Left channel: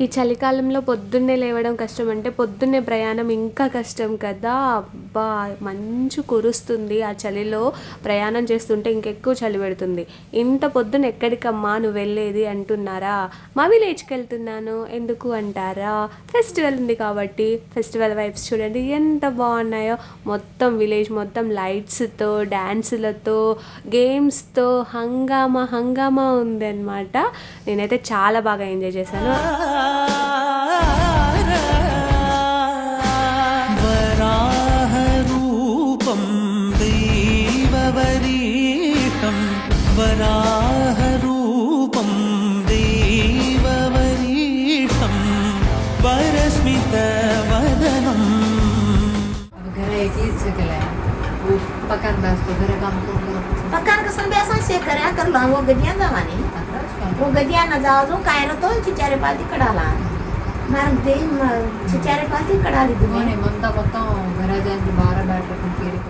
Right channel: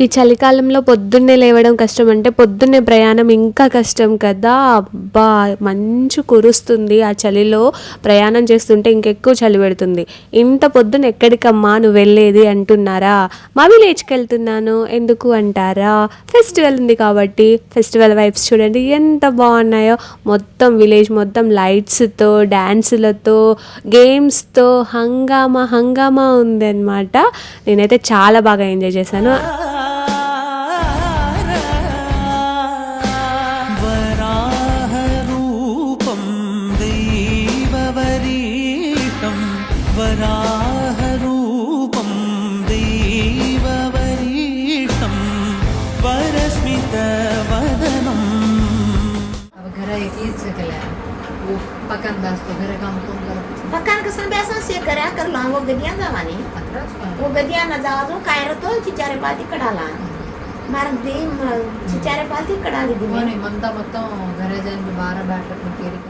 ఈ చలికాలంలో పొద్దున్నే లేవడం కష్టం అంటే పొద్దున్నే ప్రయాణం ఇంకా కష్టం కదా. అబ్బా! మంచు కురుస్తుంది. ఆ చలిలో ప్రయాణం చేస్తుంటే ఇంకెక్కువ చలి పెడుతుంది. ఇంత పొద్దున ఎక్కడికమ్మా నువ్వు వెళ్ళేది అంటున్నారా? మా విలేజ్‌కి వెళ్తున్నాను. ఎందుకు అంటారా? ఫెస్టివల్ ఉంది కాబట్టి. ఫెస్టివల్ వైబ్స్ చూడండి ఎంత బాగున్నాయో. మొత్తం విలేజ్ మొత్తం లైట్స్‌తో, డాన్సులతో, గేమ్స్‌తో హంగామా హంగామా ఉందన్నమాట. నేనైతే చాలా బాగా ఎంజాయ్ చేశాను. वराहरूपं देववरीष्टं वरस्मितवदनम्। अब घर एकलीच केलाय पकान बसतो घर काम करून पकान कसं बेसन से करा कर लो वो गदिया जावानी वो गदिया ना जाओ जो काय ना तो चिचारे पाती कडाला मार दे चिचारे पाती कडाली दी मंता మొత్తం घर जाने बारा बैठक केली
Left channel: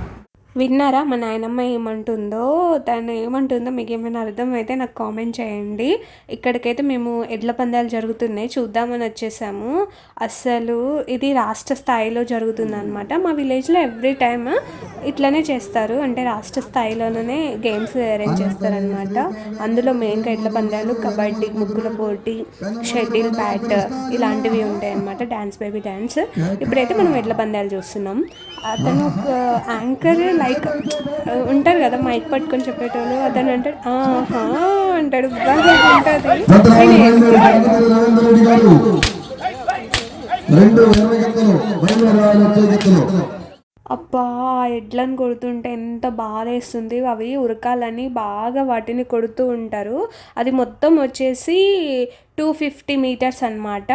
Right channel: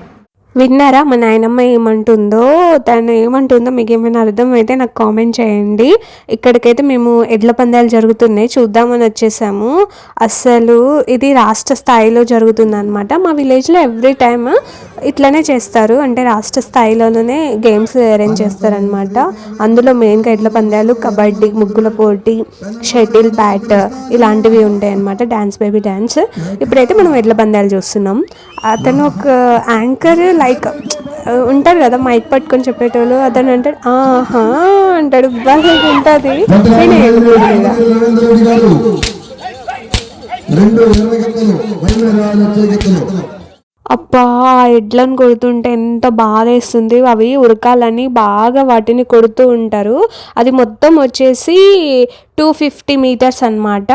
విన్నారా మా నాయనమ్మ ఏమంటుందో? తను ఏమంటుందో మీకు ఏమైనా అర్థమైతే నాకు కామెంట్ చేయండి. ఇక్కడికైతే మేము ఎడ్ల పందాలు జరుగుతున్నాయి చూద్దామని వచ్చేసాము. అసలు ఇది రాష్ట్ర స్థాయిలో జరుగుతుందన్నమాట. మా విలేజ్లో ఎవ్రీ టైమ్ ఇట్లనే చేస్తారు. అంటే రాష్ట్ర స్థాయిలోనే గేమ్స్ అరేంజ్ చేస్తారనమాట. అందులో మెయిన్గా ఎడ్ల పందాలు, కబడ్డీ, ముగ్గుల పోటీ, షటిల్ బ్యాట్ ఇలాంటివి ఉంటాయి అన్నమాట. Dance baby dance. ఇప్పుడైతే మనం ఎడ్ల పందాలు చూస్తున్నాం. అతను ఒక యాంకర్ లైక్ ఉంటారు కదా మైక్ పట్టుకొని చెప్పేటోళ్ళు. అతను అంటాడు ఆహా అంటాడు. బాగా ఉంటుంది. అబ్బా ఎడ్లను కొడుతుంటే ఎంత బాధ వేస్తుంది. అవి ఉరకాలని బాగా వాటిని కొడుతూ ఉంటారు. అది మొత్తం వచ్చేసి 250 మీటర్స్ అనమాట.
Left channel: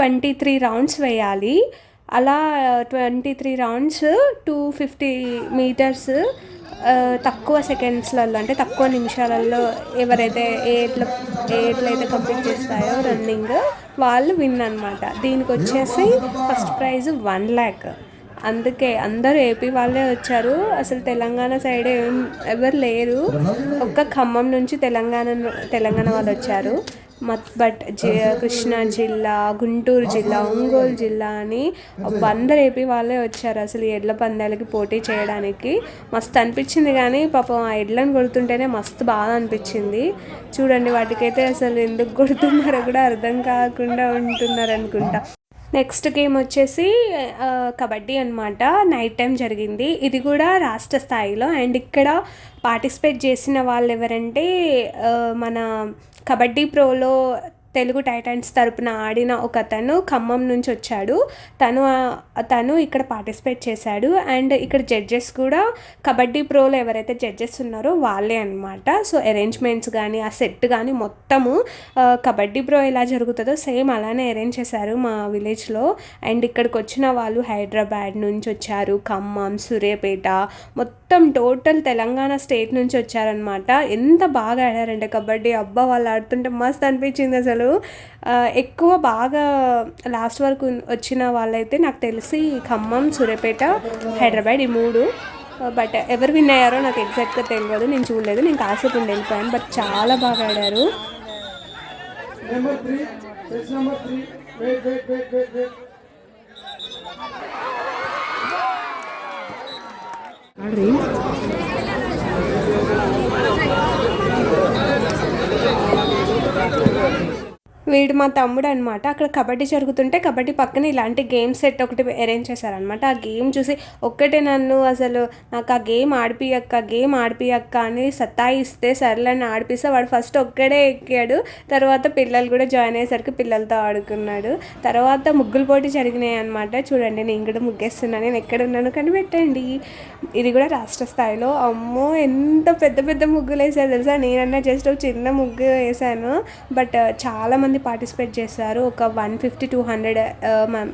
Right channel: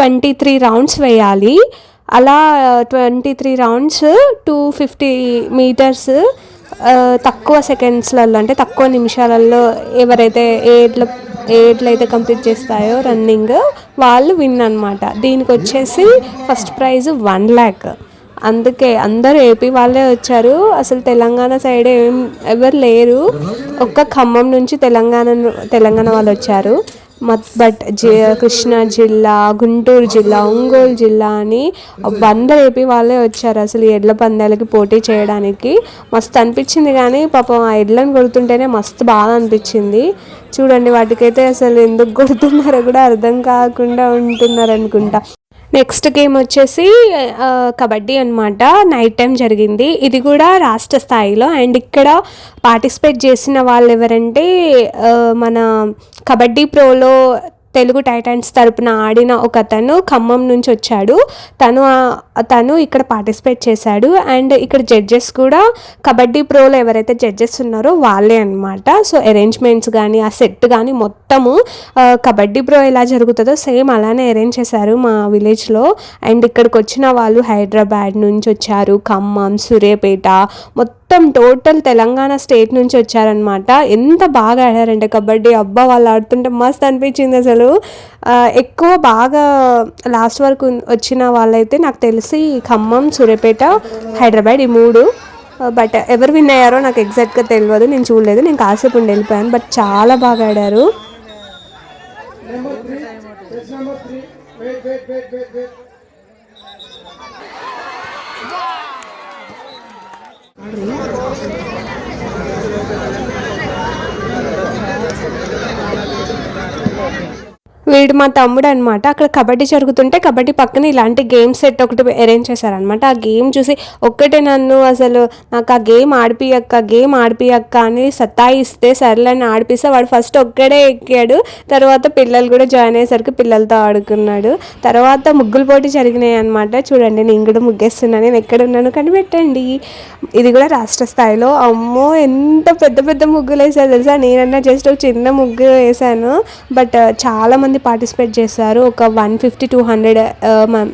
23 రౌండ్స్ వేయాలి. అలా 23 రౌండ్స్ 250 మీటర్స్ తక్కువ సెకండ్స్లలో అంటే తక్కువ నిమిషాలలో ఎవరైతే ఎట్లయితే కంప్లీట్ చేస్తాయో రన్నింగ్ వాళ్ళు విన్ అనమాట. దీనికి వచ్చేసి ఫస్ట్ ప్రైజ్ 1 lakh. అందుకే అందరూ ఏపీ వాళ్ళే వచ్చారు. అసలు తెలంగాణ సైడ్ ఎవరు లేరు. ఒక్క ఖమ్మం నుంచి తెలంగాణ వాళ్ళు వచ్చారు. బట్ కృష్ణా జిల్లా, గుంటూరు జిల్లా, ఒంగోలు జిల్లా అని అందరూ ఏపీ వాళ్ళే వచ్చారు అసలు ఈ ఎడ్ల పందాలకి పోటీ చేయడానికి. మస్తు అనిపించింది. కానీ పాపం ఆ ఎడ్లను కొడుతుంటేనే మస్తు బాగా అనిపించింది. చూడండి వాటికైతే అసలు ఎందుకు కొడుతున్నారో కూడా అర్థం కాకుండా ఉంటున్నారు అనుకుంటా. నెక్స్ట్ గేమ్ వచ్చేసి కబడ్డీ అనమాట. నైట్ టైం జరిగింది. ఇది కూడా రాష్ట్ర స్థాయిలో. అండ్ ఇక్కడ పార్టిసిపేట్ చేసిన వాళ్ళు ఎవరంటే మన కబడ్డీ ప్రోలో తెలుగు టైటన్స్ తరపున ఆడిన ఒక అతను ఖమ్మం నుంచి వచ్చాడు. తను ఇక్కడ పార్టిసిపేట్ చేశాడు. అండ్ ఇక్కడ జడ్జెస్ కూడా కబడ్డీ ప్రోలో ఎవరైతే జడ్జెస్ ఉన్నారో వాళ్ళే అనమాట. సో అరేంజ్మెంట్స్ కానీ ఆ సెట్ కానీ మొత్తము కబడ్డీ ప్రో ఎలా జరుగుతుందో సేమ్ అలానే అరేంజ్ చేశారు మా విలేజ్లో. అండ్ ఇక్కడికి వచ్చిన వాళ్ళు హైదరాబాద్ నుంచి వచ్చారు, ఖమ్మం, సూర్యాపేట, మొత్తం టోటల్ తెలంగాణ స్టేట్ నుంచి వచ్చారనమాట. ఎంత బాగా ఆడారంటే కబడ్డీ. అబ్బా వాళ్ళు ఆడుతుంటే మస్తు అనిపించింది అసలు. ఎక్కువ బాగా లాస్ట్ వరకు వచ్చిన వాళ్ళైతే నాకు తెలిసి ఖమ్మం, సూర్యాపేట, హైదరాబాద్ ఈ 3. బట్ ఎవరు విన్ అయ్యారో నాకు ఎగ్జాక్ట్గా తెలియదు. నేను చూడలేదు. నేను కాసేపు ఉండి వెళ్ళిపోయాను. బట్ చాలా బాగా ఆడారు. వీడు మా తమ్ముడు అనమాట. అక్కడ కబడ్డీ జరుగుతుంటే కబడ్డీ పక్కన ఇలాంటి గేమ్ సెట్ ఒకటి అరేంజ్ చేశారనమాట. ఆ గేమ్ చూసి ఒక్కటే నన్ను అసలు నాకు ఆ గేమ్ ఆడిపియక్క అని సతాయిస్తే సర్లేని ఆడిపిస్తే వాడు ఫస్ట్ ఒక్కడే ఎక్కాడు. తర్వాత పిల్లలు కూడా జాయిన్ అయ్యేసరికి పిల్లలతో ఆడుకున్నాడు. తర్వాత ముగ్గులు పోటీ జరిగినాయి అనమాట. చూడండి నేను కూడా ముగ్గేస్తున్నాను. నేను ఎక్కడున్నాను కనిపెట్టండి. ఇది కూడా రాష్ట్ర స్థాయిలో. అమ్మో ఎంత పెద్ద పెద్ద ముగ్గులు వేసారు తెలుసా. నేనన్నా జస్ట్ ఒక చిన్న ముగ్గు వేసాను. బట్ చాలామంది పార్టిసిపేట్ చేశారు. ఒక 150-200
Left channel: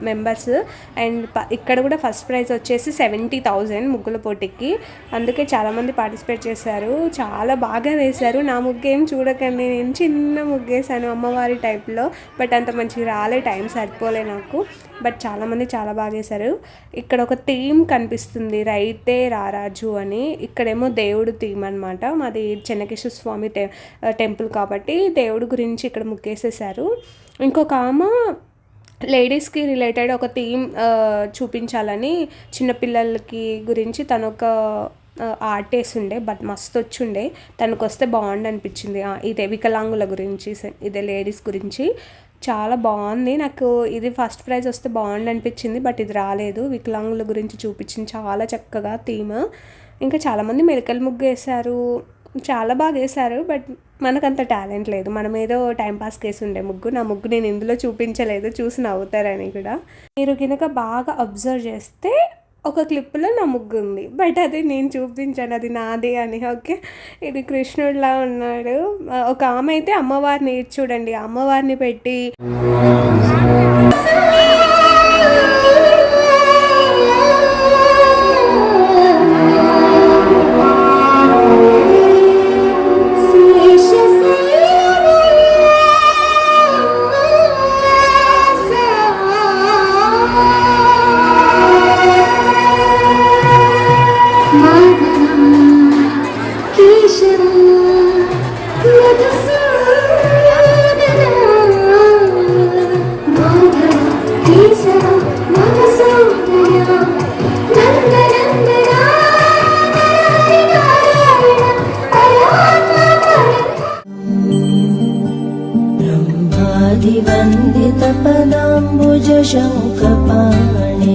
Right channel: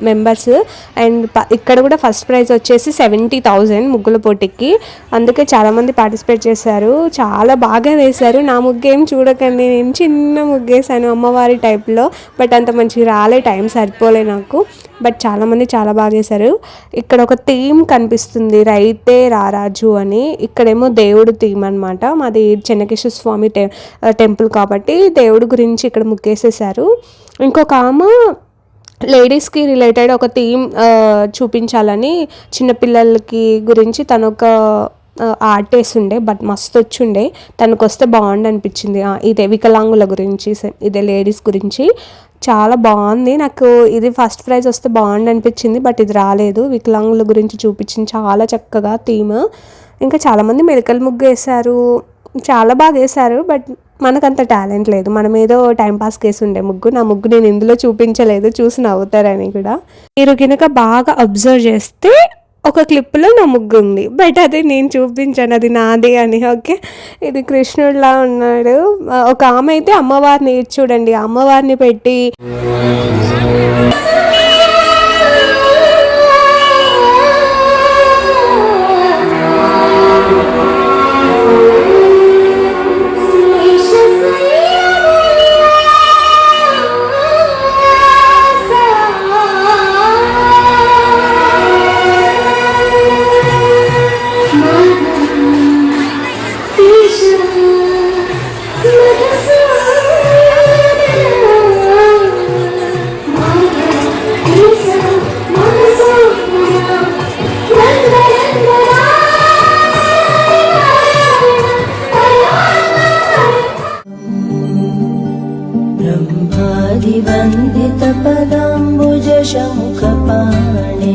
మెంబర్స్. అండ్ ఇక్కడ కూడా ఫస్ట్ ప్రైజ్ వచ్చేసి 70,000 ముగ్గుల పోటీకి. అందుకే చాలామంది పార్టిసిపేట్ చేశారు. చాలా బాగా వేశారు. నా ముగ్గు ఏం చూడకండి, నేను చిన్న ముగ్గు వేసాను అమ్మవారి టైప్లో. బట్ అంత మంచిగా రాలే, టైం సరిపోలే నాకు. బట్ చాలామంది చాలా బాగా వేశారు. ఇక్కడ ఒక థీమ్ కనిపిస్తుంది, రైతే రారాజు అని. ఇక్కడేమో దేవుడు థీమ్ అనమాట. మాది చెన్నకేశ్వర స్వామి టెంపుల్ కాబట్టి దేవుడు గురించి ఇక్కడ ముగ్గేసేసారు. చేశారు. ఇంకొక ఆమె లేడీస్కి రిలేటెడ్ ఒక థీమ్ చూపించాలని చిన్నపిల్లలకి గురించి తను ఒక ఆర్ట్ వేసిండే, బట్ మస్తు వచ్చిండే. తనకు వస్తే బాగుండు అనిపించింది. ఇదే వికలాంగుల గురించి, ఇదే లేడీస్ గురించి చాలా బాగుంది. నాకు ఇది ఫస్ట్ ప్రైజ్ వస్తే బాగుండు అనిపించింది, బట్ ఇది రాలేదు. వికలాంగుల గురించి చూపించింది చాలా చక్కగా థీమ్. ఇంకా చాలామంది మెడికల్ ముగ్గు వేశారు, చాలా బాగా వేశారు. బట్ మనకంత టాలెంట్ లేదు, మనం ఏదో టైంపాస్కి వేసి ఉండే ముగ్గు. నా ముగ్గు నేను ఇందులో చూపించలేదు, చూసి నవ్వుతారని కూడా. మీరు కనుక బాగా అబ్జర్వ్ చేస్తే ఒక క్లిప్లో నా ముగ్గు ఉంది, బట్ అది నేను చూపించాను, అది నాది అని. ఓకే, ఇది కృష్ణుడిలా ఉన్నాడు. ఒక ఆమె అయితే అమ్మవారిని చూడండి, అమ్మవారిని పెట్టి ब्रह्मादिवन्दितपदाम्बुजशङ्खपाणे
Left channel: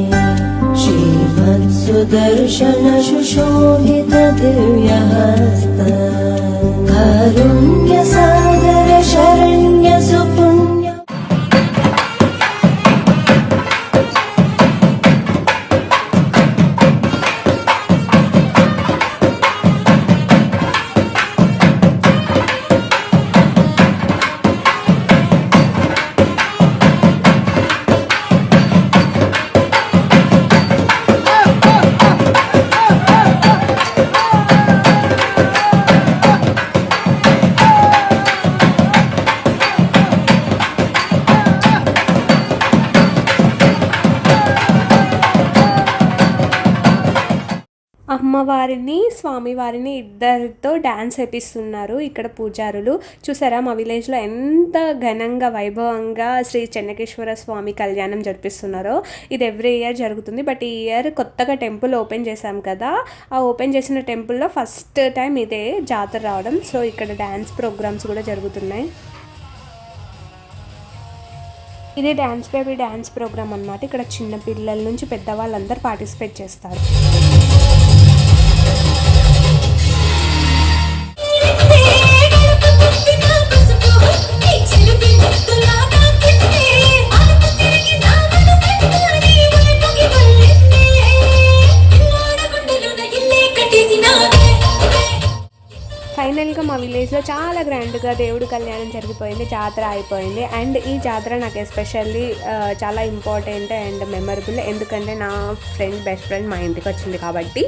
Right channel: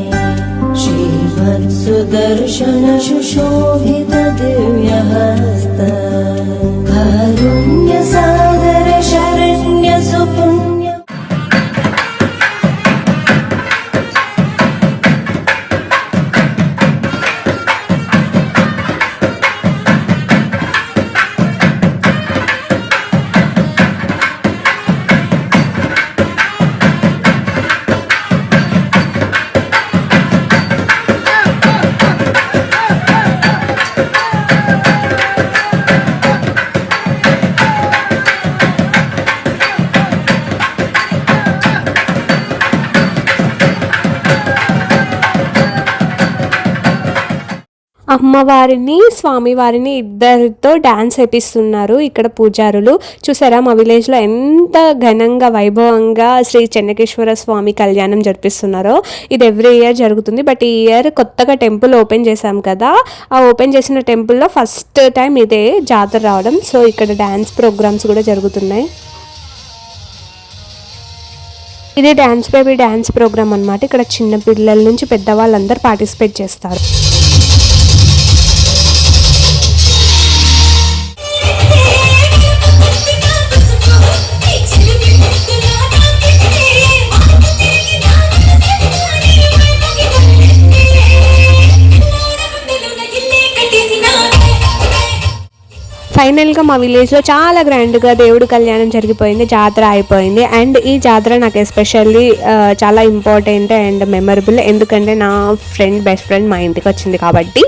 श्रीवत्सुदर्शन सुशोभित दिव्यहस्त कारुण्यसागर शरण्य सुपुण्य అమ్మవారిని స్వామివారిని ఇద్దరితో డ్యాన్స్ వేపిస్తున్నారు ఇక్కడ పూజారులు. చూసారా మా విలేజ్లో ఎంత ఘనంగా వైభవంగా శ్రీ చెన్నకేశ్వర స్వామి కళ్యాణం జరిపిస్తున్నారో. ఇది ఎవ్రీ ఇయర్ జరుగుతుంది, బట్ ఈ ఇయర్ కొత్తగా టెంపుల్ ఓపెన్ చేశాం కదా, ఆ ఓపెన్ చేసిన టెంపుల్లో ఫస్ట్ టైం ఇదే జాతర రావడం. సో ఇక్కడ డ్యాన్స్ ప్రోగ్రామ్స్ కూడా జరుగుతున్నాయి. ఇదే డ్యాన్స్ బేబీ డ్యాన్స్ ప్రోగ్రామ్ అనమాట. ఇక్కడ చిన్న పిల్లల నుంచి పెద్దవాళ్ళందరూ పార్టిసిపేట్ చేస్తారు. ఫైనల్గా మా విలేజ్లో చాలా గ్రాండ్గా దేవుడు కళ్యాణం జరిగిపోయింది, జాతర అయిపోయింది. అండ్ ఈ జాతర నాకు ఎస్పెషల్లీ చాలా ఇంపార్టెంట్ అండ్ మెమరబుల్, ఎందుకంటే నా బెస్ట్ ఫ్రెండ్ మా ఇంటికి వచ్చింది కాబట్టి.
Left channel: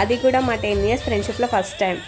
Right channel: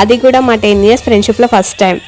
అది కూడా మా 10 years ఫ్రెండ్షిప్లో ఫస్ట్ టైం.